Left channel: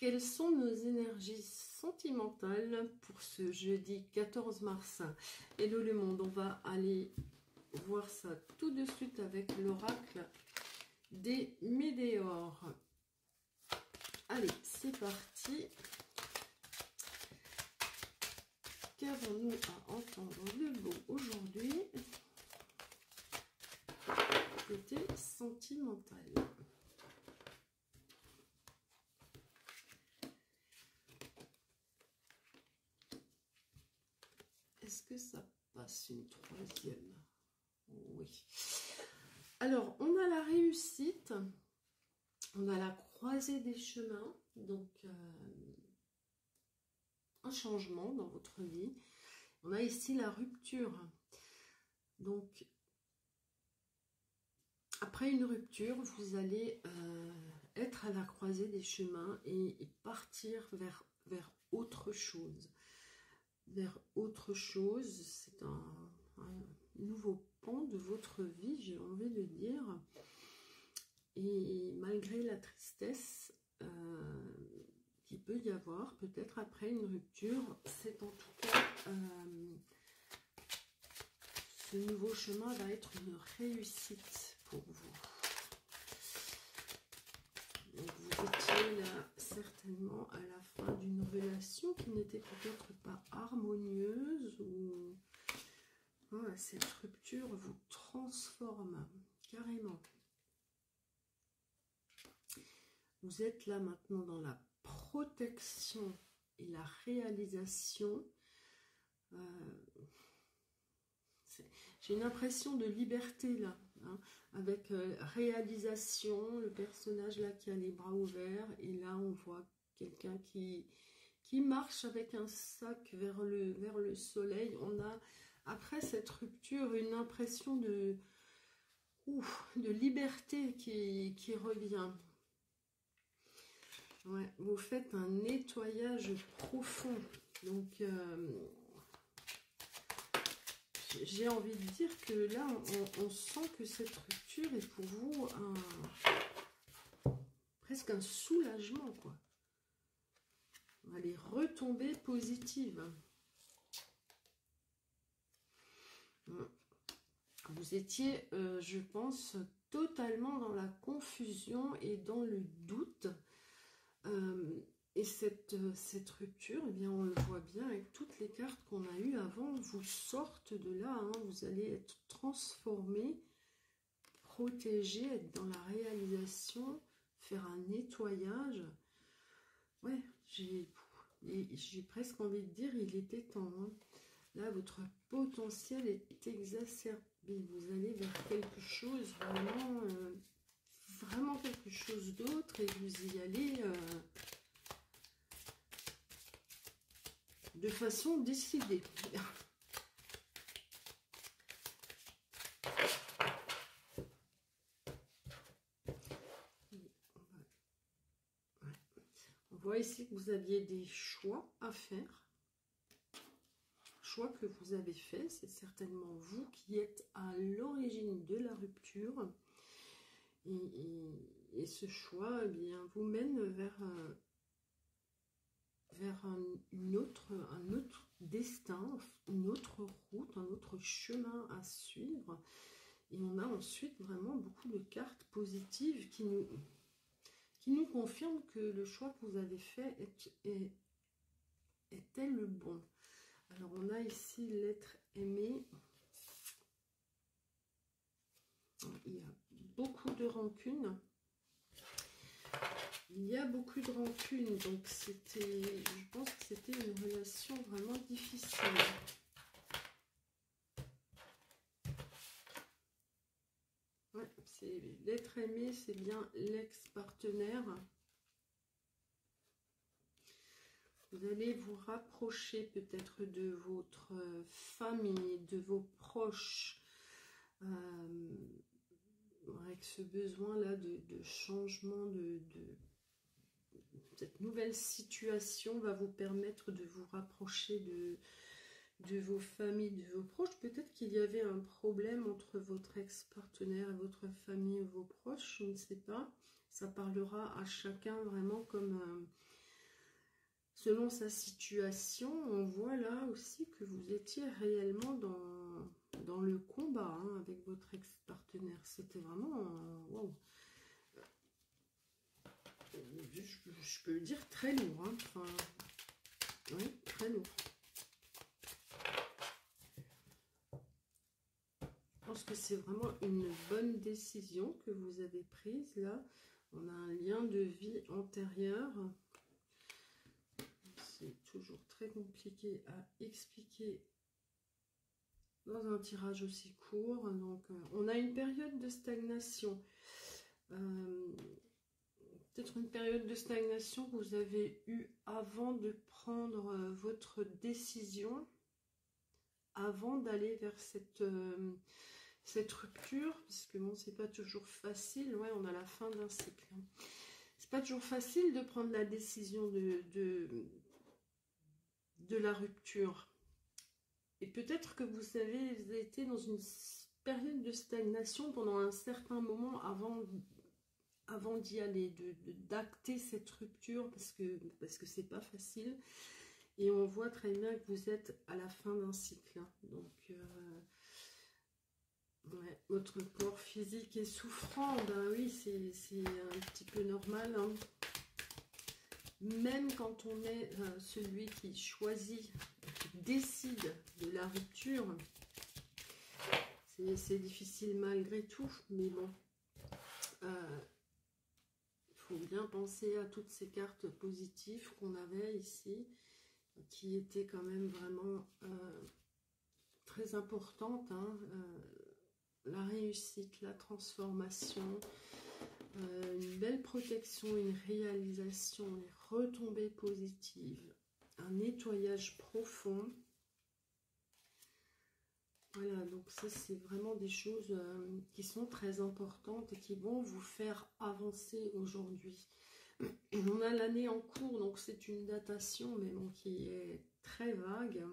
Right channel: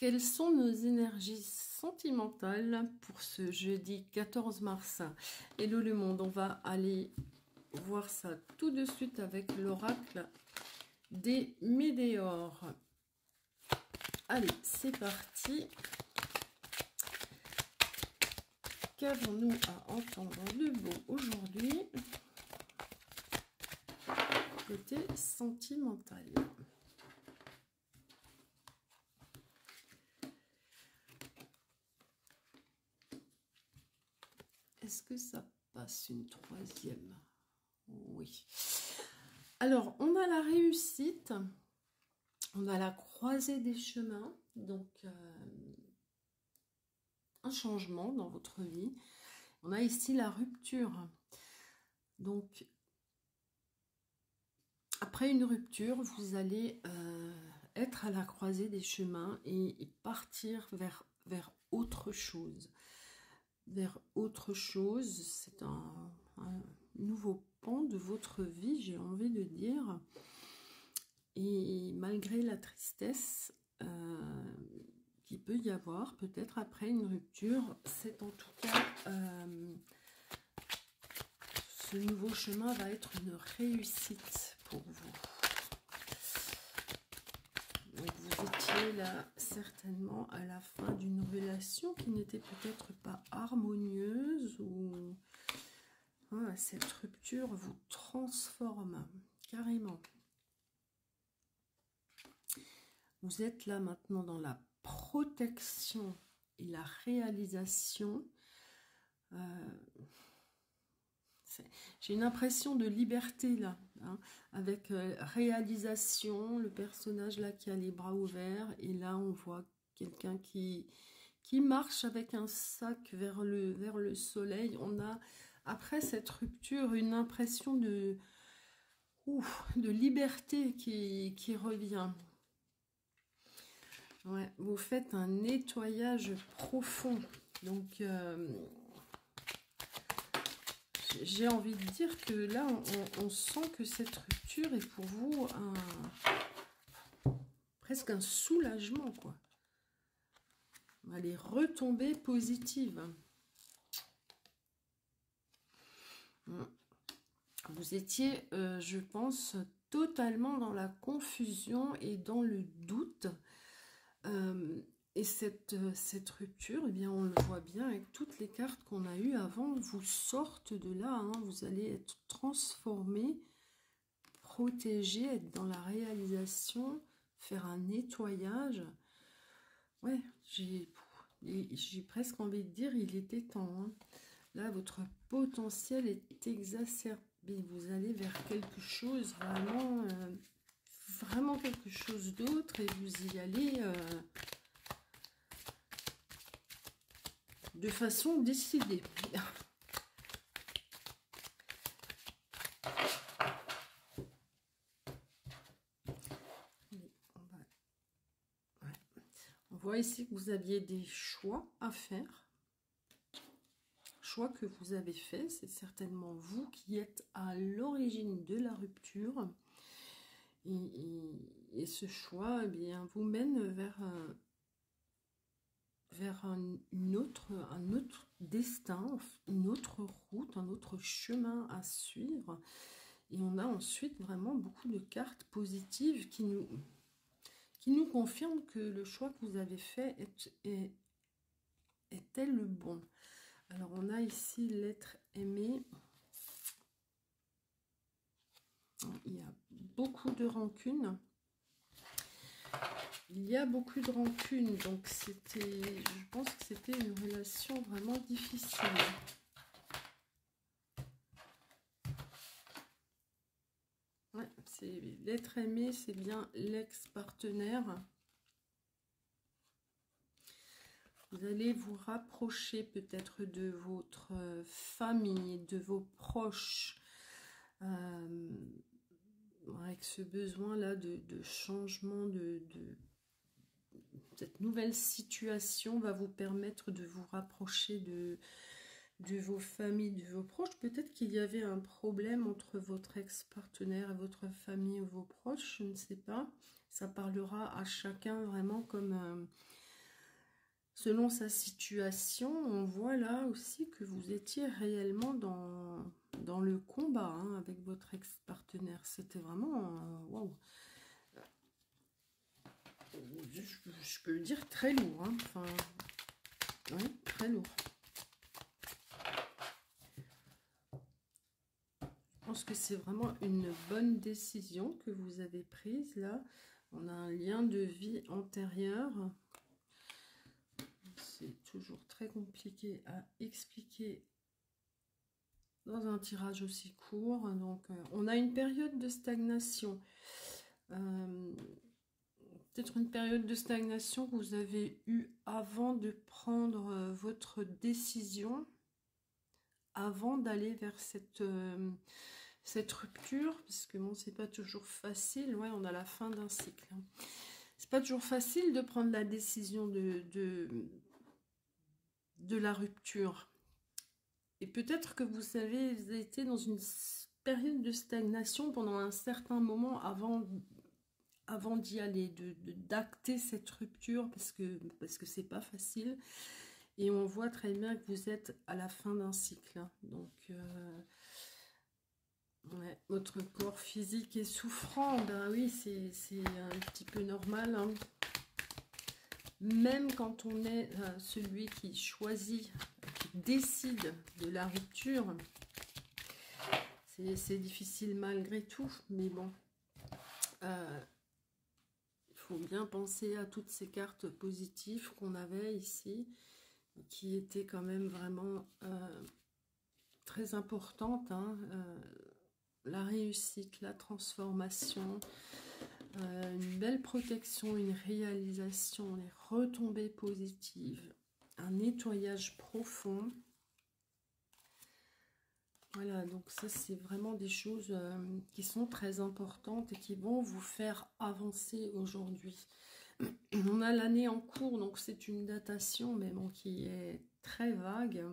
Quelles sont nos énergies sentimentales pour ce jeudi 14 mars? Hello le monde, on va aller voir ça tout de suite avec l'oracle des météores. Allez, c'est parti. Qu'avons-nous à entendre de beau aujourd'hui côté sentimental? Est-ce que ça passe une troisième? Oui. Alors, on a la réussite, on a la croisée des chemins, donc un changement dans votre vie. On a ici la rupture. Donc, après une rupture, vous allez être à la croisée des chemins et partir vers autre chose. Vers autre chose, c'est un nouveau pan de votre vie, j'ai envie de dire. Et malgré la tristesse qu'il peut y avoir, peut-être après une rupture, c'est en tout cas, ce nouveau chemin va être une réussite pour vous. Donc vous étiez là certainement à la fin d'une relation qui n'était peut-être pas harmonieuse, ou cette rupture vous transforme carrément. Vous êtes là maintenant dans la protection et la réalisation. J'ai une impression de liberté là, hein, avec réalisation, le personnage là qui a les bras ouverts, et là on voit quelqu'un qui marche avec un sac vers le soleil. On a, après cette rupture, une impression de liberté qui revient. Ouais, vous faites un nettoyage profond. Donc, j'ai envie de dire que là, on sent que cette rupture est pour vous presque un soulagement, quoi. On va les retomber positives. Vous étiez, je pense, totalement dans la confusion et dans le doute. Et cette rupture, eh bien, on le voit bien avec toutes les cartes qu'on a eues avant, vous sortent de là, hein, vous allez être transformé, protégé, être dans la réalisation, faire un nettoyage. Ouais, j'ai presque envie de dire, il était temps. Hein. Là, votre potentiel est exacerbé. Vous allez vers quelque chose, vraiment quelque chose d'autre, et vous y allez de façon décidée. On voit ici que vous aviez des choix à faire. Choix que vous avez fait, c'est certainement vous qui êtes à l'origine de la rupture. Et ce choix, eh bien, vous mène vers un autre destin, une autre route, un autre chemin à suivre. Et on a ensuite vraiment beaucoup de cartes positives qui nous confirment que le choix que vous avez fait était le bon. Alors on a ici l'être aimé. Il y a beaucoup de rancune. Il y a beaucoup de rancune, donc je pense que c'était une relation vraiment difficile. Ouais, c'est l'être aimé, c'est bien l'ex-partenaire. Vous allez vous rapprocher peut-être de votre famille, de vos proches, avec ce besoin-là de changement, cette nouvelle situation va vous permettre de vous rapprocher de vos familles, de vos proches. Peut-être qu'il y avait un problème entre votre ex-partenaire et votre famille ou vos proches, je ne sais pas. Ça parlera à chacun vraiment comme selon sa situation, on voit là aussi que vous étiez réellement dans le combat hein, avec votre ex-partenaire. C'était vraiment, wow. Je peux dire très lourd. Hein. Enfin, oui, très lourd. Je pense que c'est vraiment une bonne décision que vous avez prise là. On a un lien de vie antérieur. C'est toujours très compliqué à expliquer dans un tirage aussi court. Donc, on a une période de stagnation. Peut-être une période de stagnation que vous avez eue avant de prendre votre décision, avant d'aller vers cette rupture, parce que bon, c'est pas toujours facile. Ouais, on a la fin d'un cycle. Hein. C'est pas toujours facile de prendre la décision de la rupture. Et peut-être que vous avez été dans une période de stagnation pendant un certain moment avant d'y aller, d'acter cette rupture, parce que c'est pas facile. Et on voit très bien que vous êtes à la fin d'un cycle. Hein. Donc, ouais, votre corps physique est souffrant. Ben oui, c'est un petit peu normal. Hein. Même quand on est celui qui choisit, qui décide de la rupture, c'est difficile malgré tout. Mais bon, il faut bien penser à toutes ces cartes positives qu'on avait ici, qui étaient quand même vraiment très importantes. Hein, la réussite, la transformation, une belle protection, une réalisation, les retombées positives, un nettoyage profond. Voilà, donc ça c'est vraiment des choses qui sont très importantes et qui vont vous faire avancer aujourd'hui. On a l'année en cours, donc c'est une datation, mais bon, qui est très vague.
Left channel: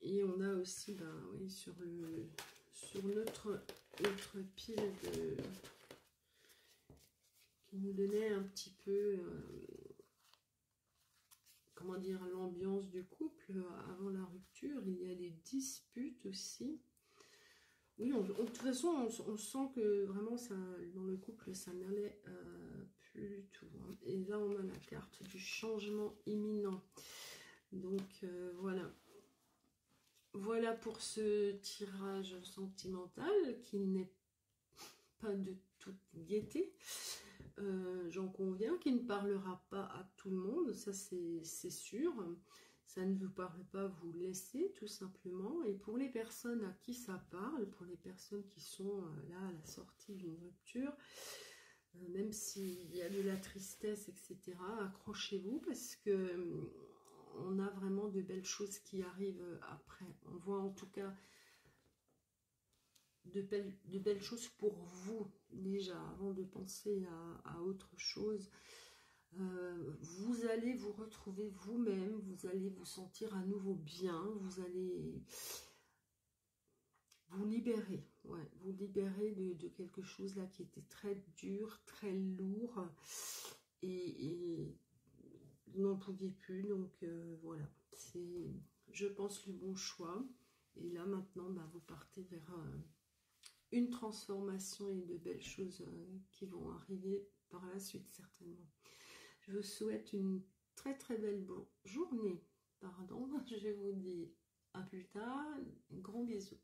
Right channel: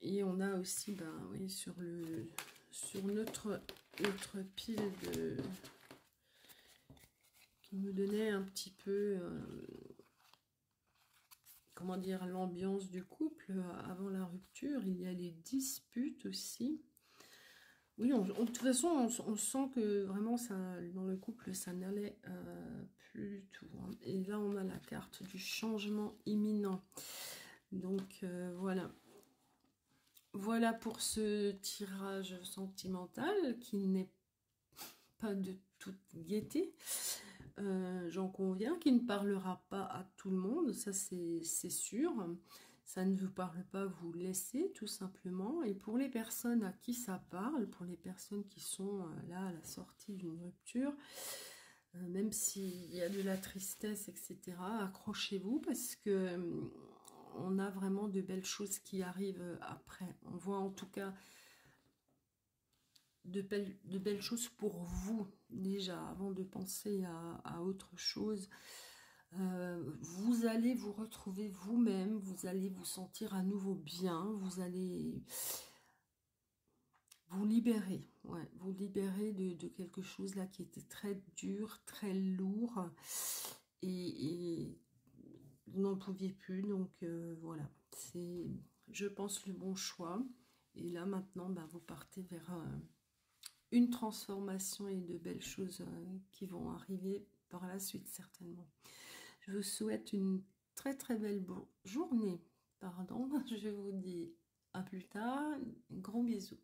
Et on a aussi, ben, oui, sur notre pile qui nous donnait un petit peu, comment dire, l'ambiance du couple avant la rupture. Il y a les disputes aussi. Oui, de toute façon, on sent que vraiment, ça, dans le couple, ça n'allait plus du tout. Hein. Et là, on a la carte du changement imminent. Donc, voilà. Voilà pour ce tirage sentimental qui n'est pas de toute gaieté. J'en conviens, qui ne parlera pas à tout le monde, ça c'est sûr. Ça ne vous parle pas, vous laissez tout simplement. Et pour les personnes à qui ça parle, pour les personnes qui sont là à la sortie d'une rupture, même s'il y a de la tristesse, etc., accrochez-vous parce que on a vraiment de belles choses qui arrivent après. On voit en tout cas de belles choses pour vous déjà, avant de penser à autre chose. Vous allez vous retrouver vous-même, vous allez vous sentir à nouveau bien, vous allez vous libérer, ouais, vous libérer de quelque chose là qui était très dur, très lourd, et vous n'en pouviez plus, donc voilà, c'est, je pense, le bon choix. Et là maintenant, bah, vous partez vers une transformation et de belles choses qui vont arriver par la suite certainement. Je vous souhaite une très très belle journée. Pardon, je vous dis à plus tard. Un grand bisou.